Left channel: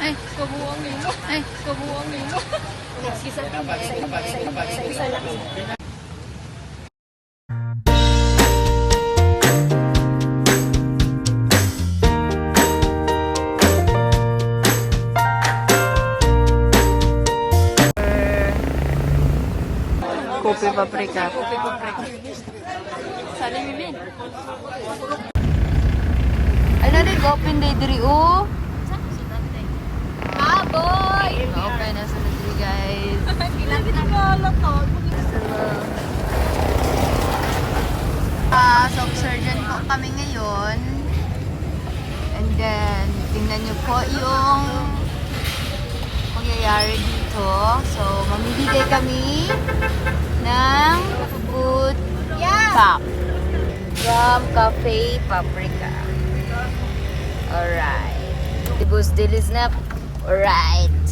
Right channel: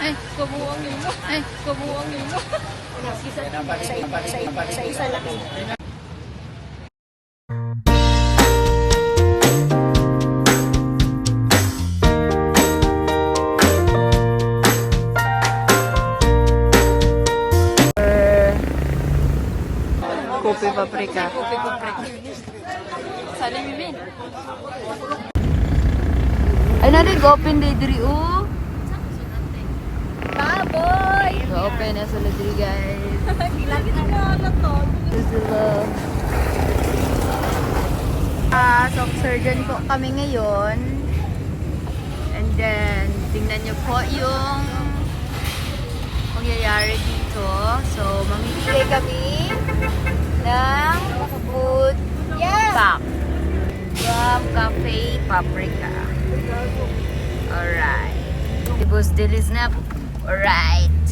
Ay, kabuang mo. Ay, kabuang mo. Isa lang eh. Kopi paprika. Kopi paprika. Sali Mimi. Ay na rin, open day diri o. Baboy! Open na sila diri guys. Kilapit na alam to. So surgeon po kami ngayon. And then, tingnan nyo po yung pangyayari dito. So, mamimili kami ng food pack from Cafe Paprika. Alright. Tibos dilis na. Alright.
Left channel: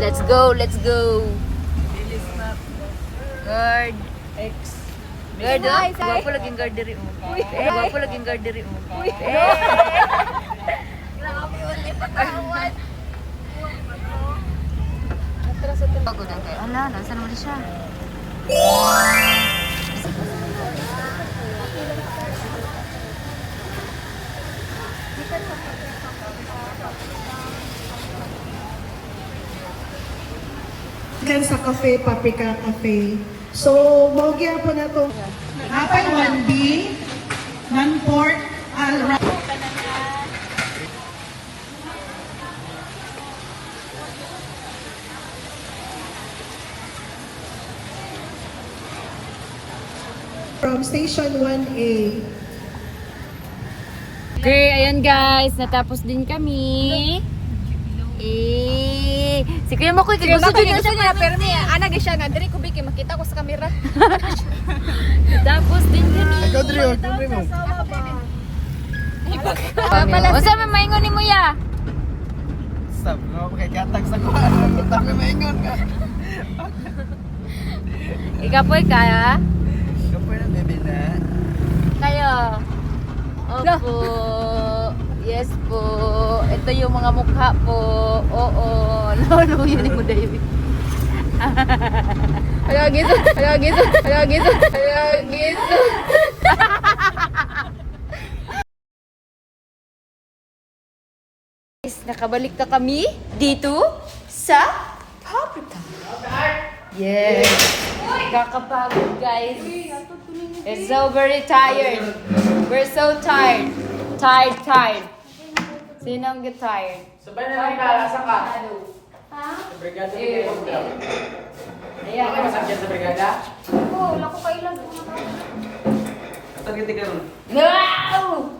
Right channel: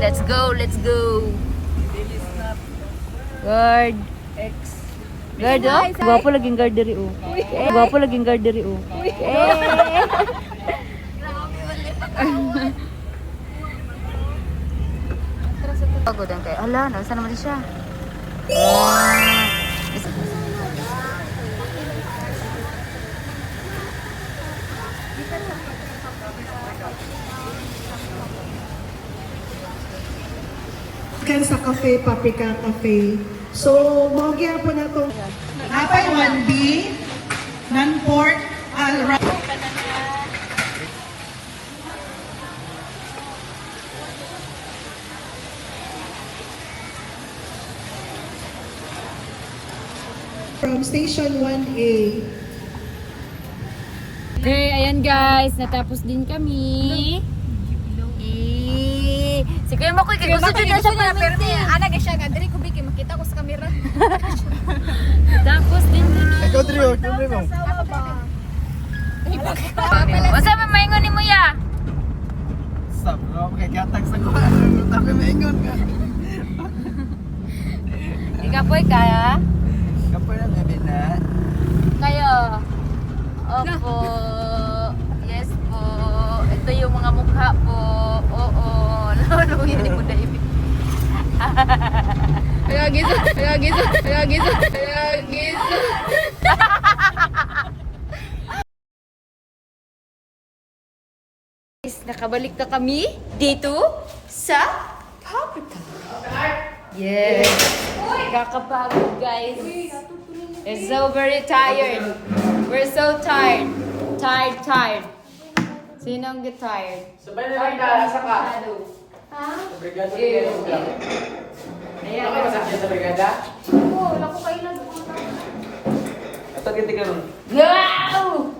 Let's go, let's go. Guard. Guard oh. Gwapo laging guard diri oh. Gwapo laging guard diri oh. Pagodan kayo. Hala, nasa naman siya. Kan sa Cafe Paprika Cafe. So, mogya po na ito. Apay 1B, non-pork, from Station 1A. Okay, ayan guys. Natapos din kami. Si Kuya Makoy, gusto din na sa payment eh. Ana ga siya nga diri ko bigay makita ko sa kamera. Tapos din kami. Basta may maingon ni mo ya. Stop, no? Kaya katag sa kuha. Tapi maingon ka. Ikapoy kaya? Kapoy na, bebe na. Kayo. Opo. Yes po. Ito yung mga mukha po. Oo. Ano mo yun mo dali? Ayagito. Nakabalik na kami dito sa Paprika. Yes. Kakapagod guys. It's so very tired. We're so tired. Tired. Sinong get tired? Sabay na lang ka, asa ka? Ha? Sa brigada kayo. Ayan. Ano ka masakyan sa brigada? Ako, wala ko kailan. Ito, giti ka nun. No!